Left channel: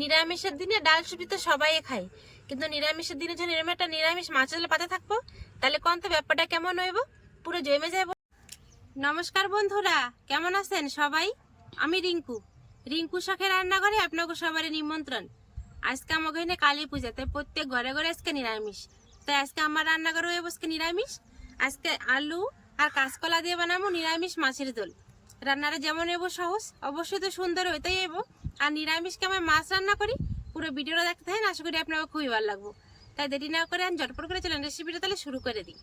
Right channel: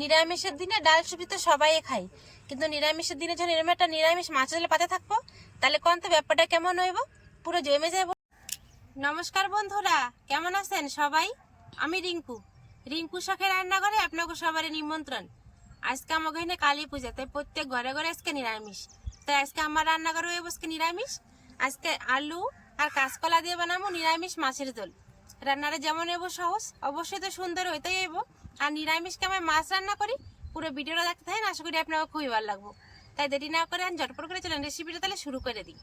নিরামিষের দিনে ডাল সুপি তো সবাই খায়। কিন্তু নিরামিষের দিনে যখন এরকম একটা নিরামিষ মাছ হলে পাতে থাকব, তাহলে কোন তো ব্যাপারটা কেমন হইব? পুরো জমে যাব নমস্কার বন্ধুরা, কেমন আছেন সবাই? আমি রিঙ্কু। রিঙ্কু শাখের রান্নাঘরে আপনাকে সবারই নিমন্ত্রণ। আজকে আমার এখানে কালী পূজা, তাই প্রত্যেক ঘরে ঘরে আজকে নিরামিষ। তাই আজকে আমার রান্নাঘরে হয়ে আজকে নিরামিষ। আজকে আলু আর কাঁচকলা দিয়ে বানাবো নিরামিষ মাছের দোল রান্নাটা যেমন এবো সহজ, অবশ্যই তো সুন্দর হইতেই এবো। আর নিরামিষকে আমি মাছ রান্না করি, পুরো ভিডিওটা দেখতে থাকেন, আশা করি আপনাকে খুবই ভালো লাগবো। তাই দেরি না করে আমি ঝটপট করে চলেন রেসিপিটা তাহলে শুরু করে দিই।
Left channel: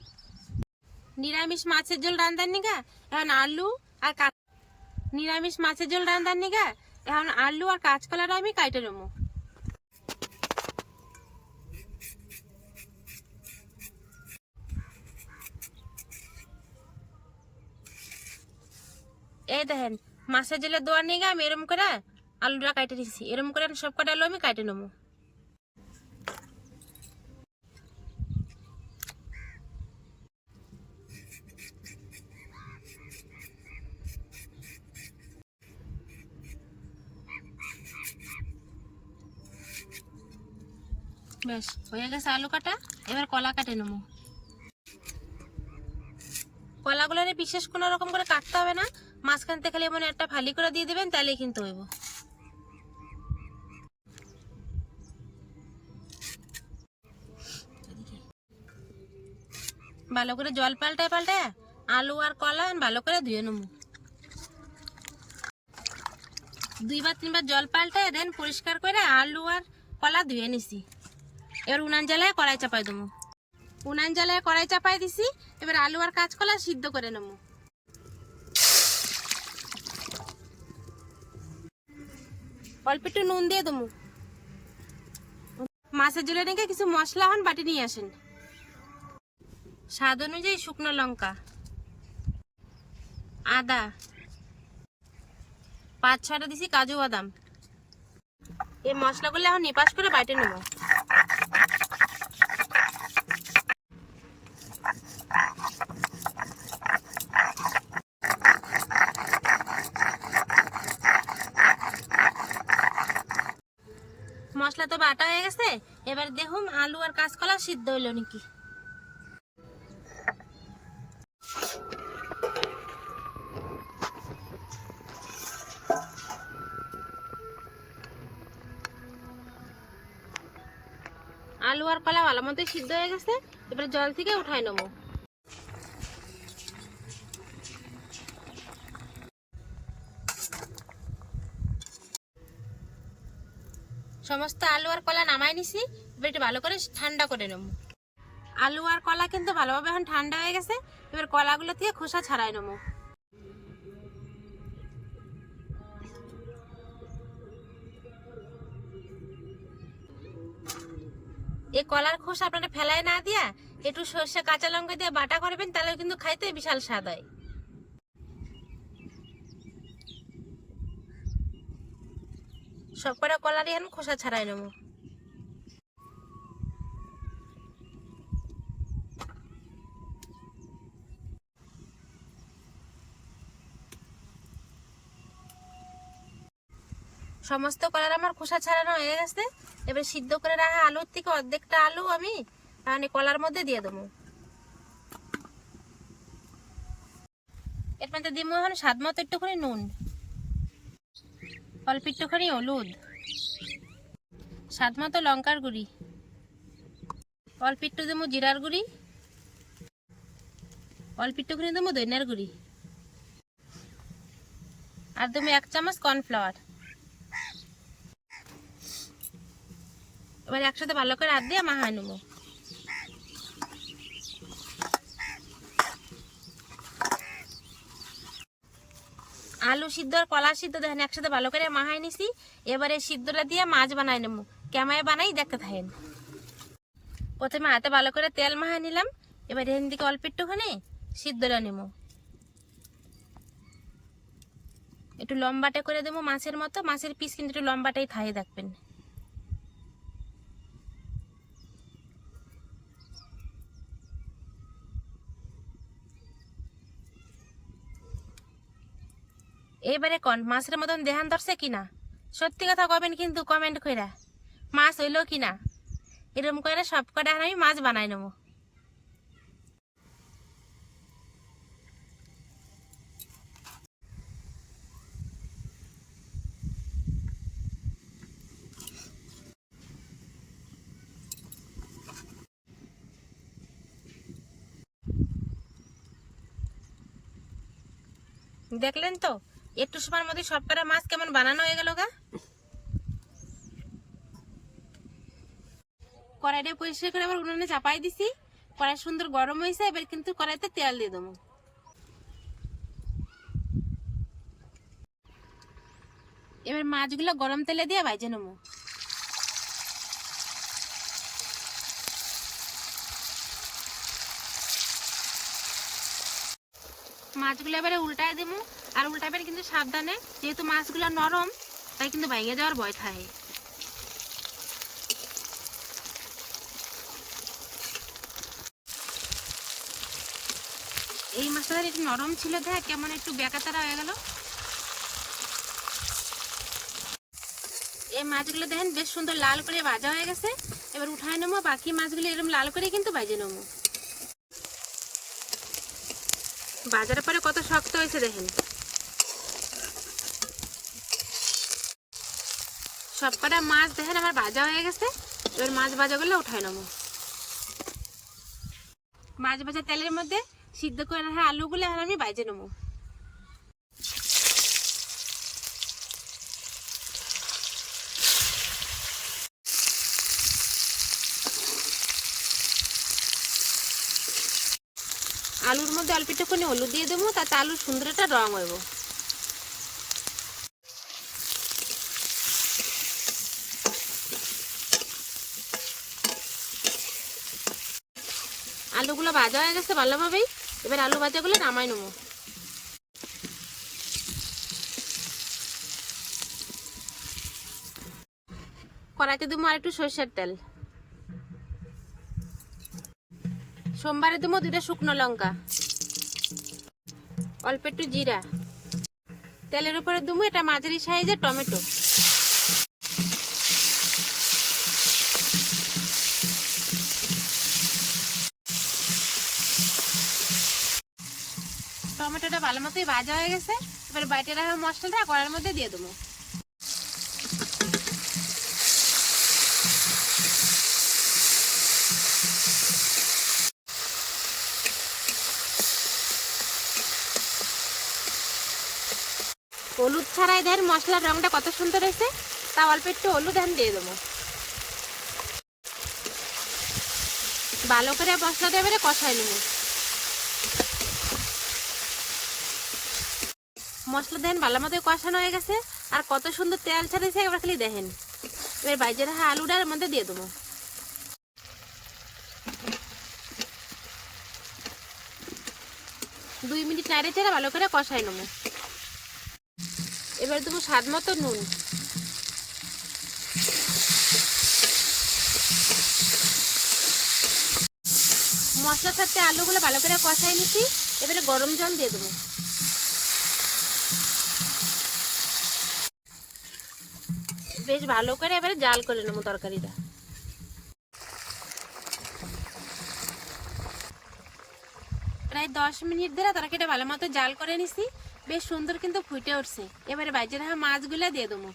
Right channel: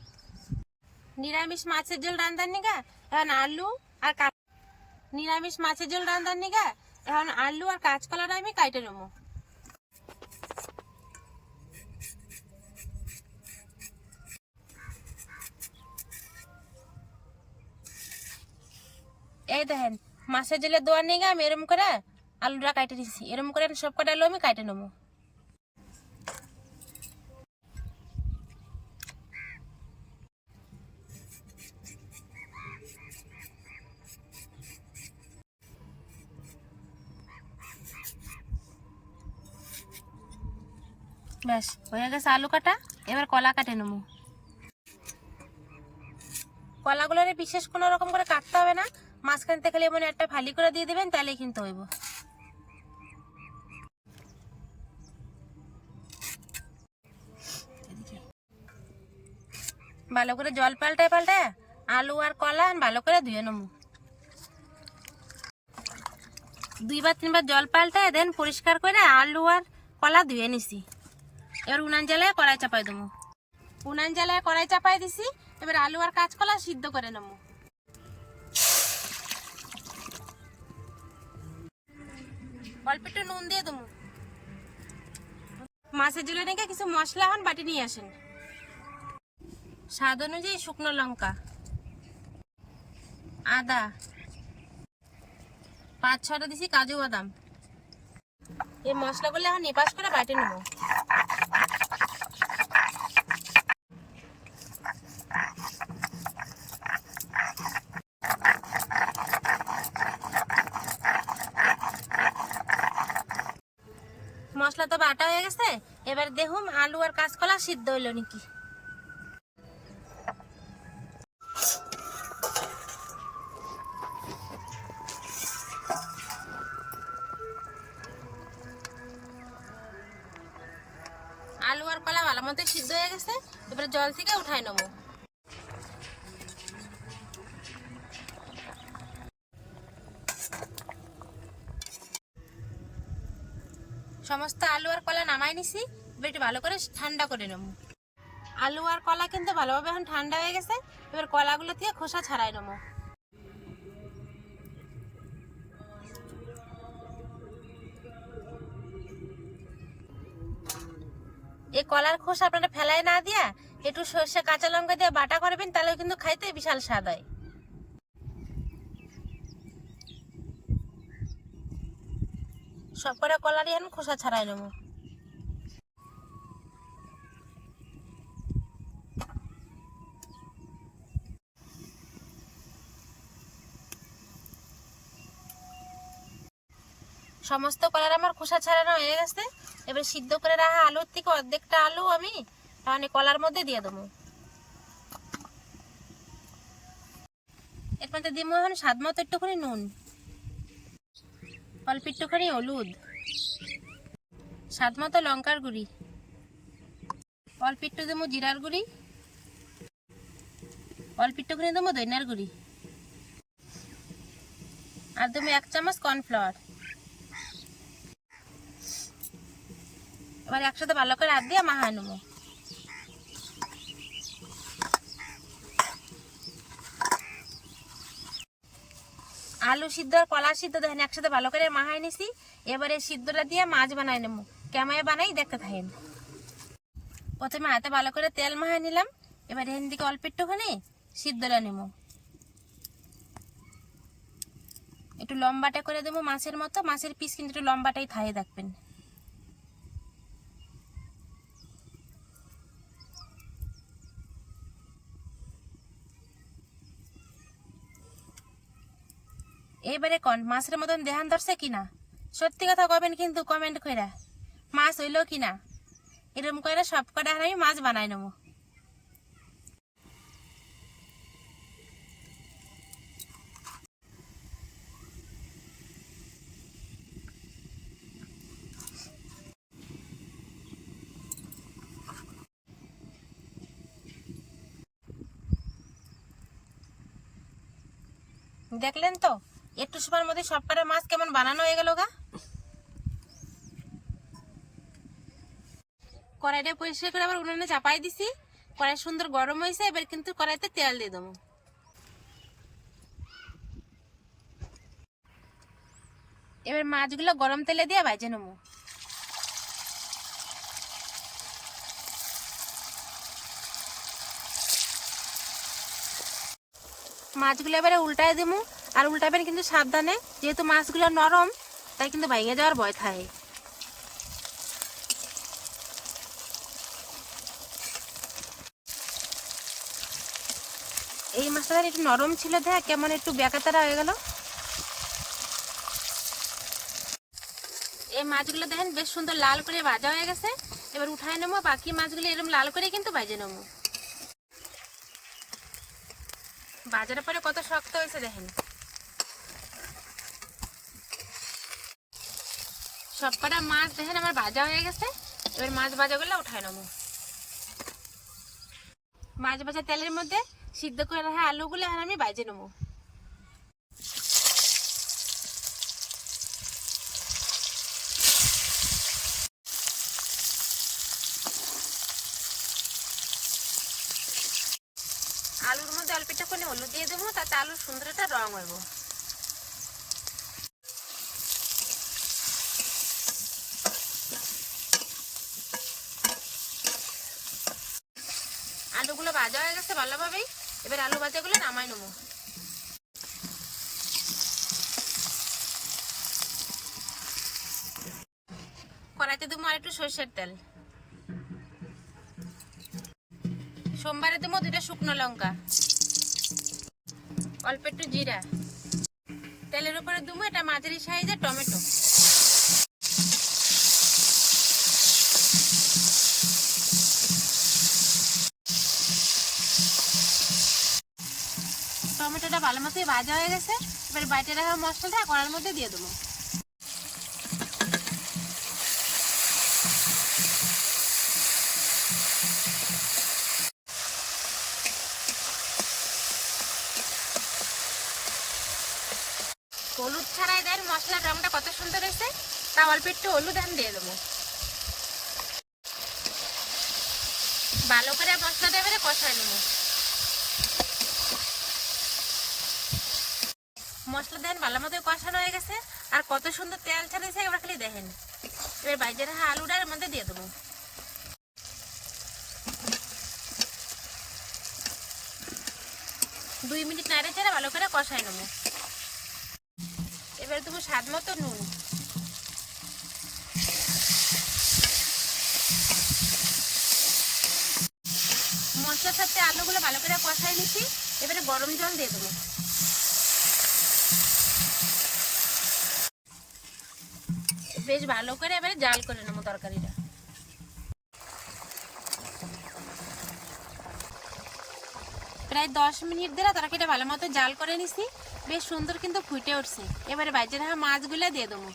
নিরামিষ মাছের ঝোল রান্ধার নিগা, এখন আলু আর নিরামিষ মাছের ঝোল রান্ধার নিগা, এখন আলু আর কাঁচকলাটা আমি কাইটে নেব। এই দেখেন, মাছের জেলে দোয়ার নিগা আমি এরম করে আলুটা কাটে দিচ্ছি এরম করে সব কটা আলু আমি কাটে নেব। ব্যাস, হয়ে গেছে আলু কাটা। এবার কলা কাটে নেব। কলাগুলোরে বিশেষ কোনো রকম করে কাটতে হবে না। মাঝখান থেকে খালি এমন একটা ফালি করে দিয়ে দেবেন, তাহলে কিন্তু হইব। ভালো করে জল পাল্টায় পাল্টায় আলু আর কলা ভালো করে ধুয়ে নেব। দুইবার, তিনবার জল পাল্টায় দেন, পরিষ্কার করে আলু আর কলা ধুয়ে নিছি। এবার উনান জ্বালায় কড়াই চাপাই দেবো। উনান জ্বালায় কড়াই চাপাই দিছি, এবার আলু আর কাঁচকলা সিদ্ধ করে নেব। অল্প একটু নুন দিয়ে দেবো। মাছের জলে নাকি কিছু মশলা হন বাটি নিয়ে আসেন। স্বাদ অনুযায়ী শুকনো লঙ্কা, আদা, পাঁচ ছটা দিছি কাজু বাদাম। এই মশলাগুলো এখন নিপাস করে বাটে নেব মশলা তো বাটা হয়ে গেছে? এবার দেখুন আলু আর কাঁচকলা সিদ্ধ হইল নাকি। আলু আর কলা ভালো মতো সিদ্ধ হয়ে গেছে, এবার জল থেকে উঠাই নেব। সমস্ত আলু আর কলা নামাই নিছি, এবার একটু ভালো করে ঠান্ডা করে নেব। আলু আর কলা কিন্তু ভালোভাবে এখন ঠান্ডা হয়ে গেছে, এবার কলাগুলো থেকে খোসা ছাড়াই নেব। এই কলার খোসা আপনারা ফেলায় না দিয়া, একটু সর্ষে কাঁচা লঙ্কা দিয়ে বাটা করবেন তাহলে কিন্তু খাইতে বিশাল স্বাদ হয়। সব কটা কলারই এখন খোসা ছাড়াই নেব। সমস্ত কলার আমার খোসা ছাড়ানো হয়ে গেছে। এবার সিদ্ধ করে রাখা আলুর থেকে অর্ধেকটা আলু আমি তাহলে কলার মধ্যে দিয়ে দেবো। এর মধ্যে দিব এখন স্বাদ মতো একটুখানি নুন। অল্প একটুখানি হলুদ। স্বাদ মতো লঙ্কার গুঁড়ি। অল্প একটু দেবো জিরার গুঁড়ি। অল্প একটুখানি দেবো দইনার গুঁড়ি। আর দেবো এক চামচ কর্নফ্লাওয়ার। এবার একসাথে ভালো করে হাত দিয়ে মাহায় নেব। আলু সিদ্ধ আর কলা সিদ্ধ দেখেন, একসাথে ভালো করে মাহাই নিছি। এবারে সিদ্ধটা দিয়ে মাছ বানাই নেব। কেমায় বানাই দেখতে থাকেন। প্রথমে হাতে ভালো করে তেল মাহাই নিলাম। এবার এখান থেকে অল্প একটুখানি সিদ্ধটা নেব। একটু লম্বাটা করে দেবো মাছের মতো। মাছের পিস কিন্তু একটু লম্বাটাই থাই দেখবেন। এবারে কন মাছের মতন দেহান ধরছে কিনা? সত্যি কথা কবেন কিন্তু কমেন্ট কইরা। মাছ হইল কি না এরকম করে সব কটা আমি মাছ বানাই নেব। দেখলেন তো? একটু সময়ের মধ্যে সব কটা মাছ কেমন বানানো হয়ে গেল গা? কড়াইটা পরিষ্কার করে আবার উনুনে চাপাই দিছি। কড়াই সুন্দর গরম হয়েছে, এবার কিন্তু কড়াইতে তেল দিয়ে দেবো। এবার মাছগুলো গরম তেলে দিয়ে ভাজে নেব। মাছগুলো এবারে উল্টায় দেবো। আর উল্টাবেন কিন্তু সাবধানে, যেহেতু মাছগুলো নরম, তাই কিন্তু ভেঙে যাওয়ার ভয় থাকে। এই মাছটা একটু নরম ছিল দেখ, কেমন একটু বেকাতারা হয়ে গেল। এই মাছগুলো দেখেন, বেশ সুন্দর লাল করে ভাজা হয়ে গেছে। এবার উঠায় নেব, বাকি মাছগুলো এরকম লাল করে কিন্তু ভাজে নেব। বাজারের পরে কত শক্ত হয়েছে দেখেন। সব কটা মাছ দেখেন, আমার ভাজা হয়ে গেছে। এবার মাছ ভাজাগুলো উঠাই নেব। মাছ ভাজা তেলের মধ্যে সিদ্ধ করে রাখা আলুগুলো এখন আমি বাইজে নেব। আলুর মধ্যে অল্প একটুখানি হলুদ দিয়ে দেবো, তাতে আলুর সুন্দর একটা রং হইব। আলুগুলো ভাজা হয়ে গেছে, ভালোভাবেই। এবার আলু ভাজাগুলো নামাই নেব। কড়াইতে দেবো আর একটু সর্ষের তেল। সোমবারে দেবো দুটো শুকনো লঙ্কা। অল্প একটু জিরা। তেলের উপরে দেবো এটা মাঝারি সাইজের টমেটো। টমেটোটা ভালো মতোই ভাজা হয়ে গেছে। এবার বাইটে রাখা মশলাটা কড়ার মধ্যে দিয়ে দেবো। হলুদ ছাড়াই দেন মশলার রংটা কত সুন্দর এসে তা অল্প একটু হলুদ এখন দিয়ে দেবো। ভালো করে মশলা দিয়ে এবারে কষাই নেব। মশলা দেন, ভালো মতো কষানো হয়ে গেছে। আর কত সুন্দর তেল ছাড়িয়েছে, এবার খালি দেখেন। এবার বাইজে রাখা আলুটার মধ্যে দিয়ে দেবো। দুই মিনিট নাড়ে চেড়ে ভালো করে কষাই নেব। এবার দেবো স্বাদ মতো নুন। মশলার সাথে আলুগুলো ভালো করে কষাই নিচ্ছি। এবারে গরম জল দিয়ে দেবো। বেশ ভালো করে এবারে জাল করে নেব তরকারিটা। প্রায় দশ মিনিট ধরে তরকারিটা ভালো মতো জাল করে নিছি, বেশ সুন্দর কিন্তু ফুটে উঠছে। এবারে বাজে রাখা মাছগুলো দিয়ে দেবো।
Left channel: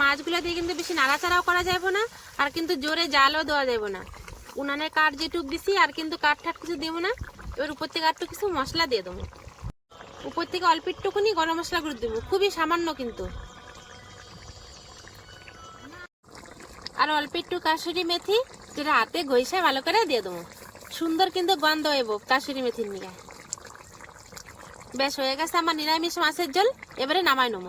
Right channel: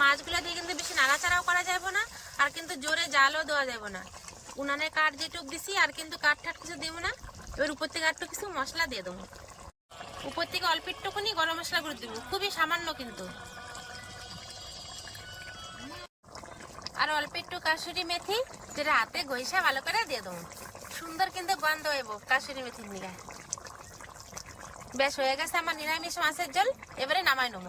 মাছগুলো দিয়ে কিন্তু বেশি নাড়াচাড়াও করা যাবে না, আর কিন্তু জোরে জালও দেওয়া যাবে না। উনানের কাঠ যেটুক দিছি, আর কিন্তু কাঠ ঠাট কিছু দেবো না, এবার উপর থেকে একটু কিছু মশলা দিয়ে দেবো। উপর থেকে অল্প একটুখানি গরম মশলা করে দেবো, খুবই সামান্য কিন্তু। আর অল্প একটু কাসুরি মেথি, যেটা হাতে ঘষা ভালো করে দিয়ে দেবো। সুন্দর কিন্তু গন্ধ হইব কাসুরি মেথির নিয়ে। বেশ হয়ে গেছে আমার নিরামিষ মাছের জল এবারে নামাই নেব।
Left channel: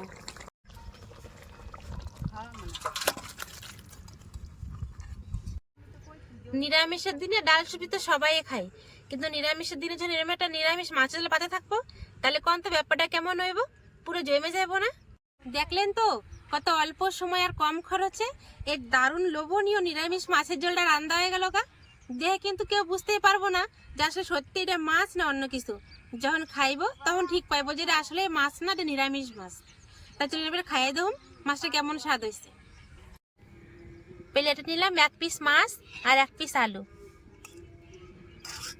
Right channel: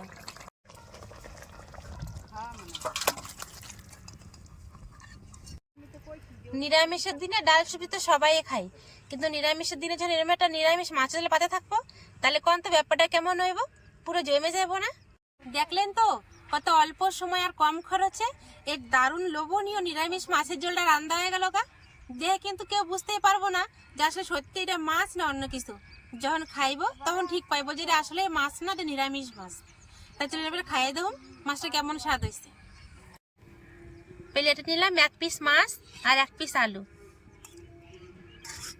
নিরামিষের দিনে ডাল সবজি তো সবাই খায়। কিন্তু নিরামিষের দিনে যখন এরকম একটা নিরামিষ মাছের পাতে থাকব, তাহলে কোন তো ব্যাপারটা কেমন হইব? পুরো জমে যাব না? দেখলেন তো, কত অল্প সময় আর কম খরচে এই দারুণ লোভনীয় নিরামিষ মাছের ঝোলটা রান্না হয়ে গেল গা। দেহে কিন্তু কেউ বুঝতেই পারব না যে আসলে সত্যি এটা মাছ না অন্য কিছু। যখন খাইবো, তখন ঠিক পাইবো যে এটা আসলে মাছ না, এটা নিরামিষ মাছ। তাই চলে এবার খাইয়ে দেবো মাছটা কেমন স্বাদ হয়েছে প্লেটে নিলাম, এক পিস মাছ আর এক পিস আলু।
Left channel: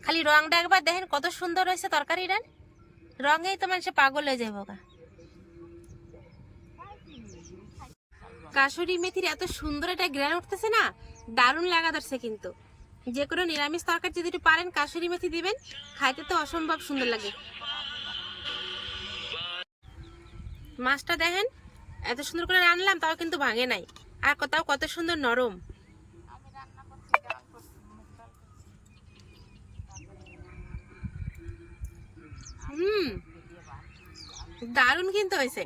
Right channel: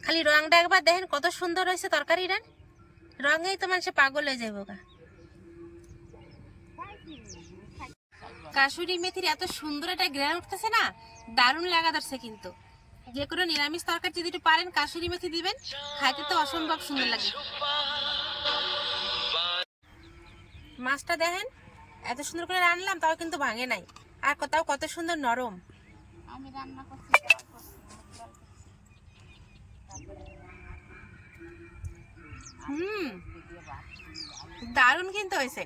খালি রংটা একবার দেখেন কত সুন্দর হয়েছে তরকারিটা রঙেই তো মানুষে পাগল হয়ে যাব গা কাশুরি মেথির এত সুন্দর একটা গ্রান উঠতেছে না, দারুণ লাগা ধরছে কিন্তু। যে কোনো নিরামিষ তরকারি যদি একটু পারেন, কাশুরি মেথি দিবেন, খাইতে তো অসম্ভব সুন্দর লাগে। মাছটা দেখেন, এত সুন্দর করে রান্নলাম তাও কিন্তু ভাঙে নাই। আর কোথাও কত সুন্দর নরম। হুম দারুণ কিন্তু হয়েছে।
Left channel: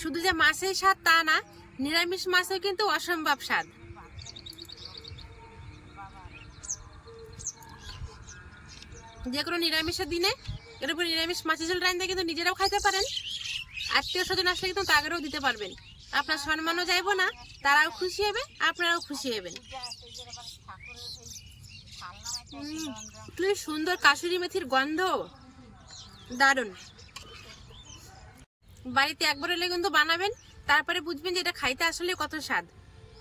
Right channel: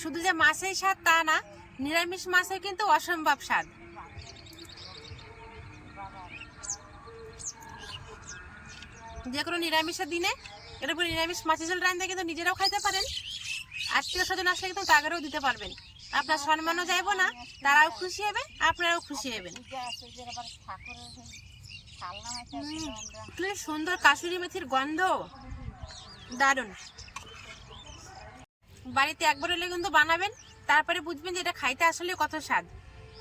শুধু যে মাছের স্বাদ তা না নিরামিষ মাছের কিন্তু অসম্ভব স্বাদ। যে কোনো নিরামিষের দিনে এর উপর নিরামিষ মাছের ঝোল রান্না কিন্তু নিজেরাও খাইতে পারেন। আত্মীয় স্বজন আসলে কিন্তু তাদেরও দিতে পারবেন। আপনার সম্মানও যাইব না, তারাও খুশি হবে আপনারাও খুশি হবেন সুন্দর কাশুরি মেথির গন্ধ। দারুণ। বাড়িতে একবার হলে কিন্তু বানাবেন, তারপরে বুঝবেন যে এটা খাইতে আসলে কত স্বাদ।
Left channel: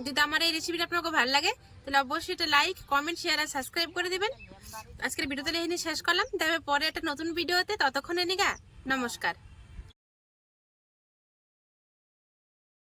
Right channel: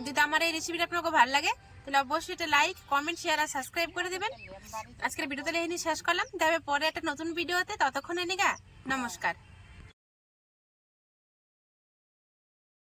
যদি আমার এই রেসিপিটা আপনাকে ভালো লাগে, তাহলে অবশ্যই এটা লাইক কমেন্ট শেয়ার আর সাবস্ক্রাইব করে দেবেন। আজকের ভিডিওতে এখানে শেষ করলাম। তবে পরে একটা নতুন ভিডিওতে ততক্ষণ এনেগা নমস্কার।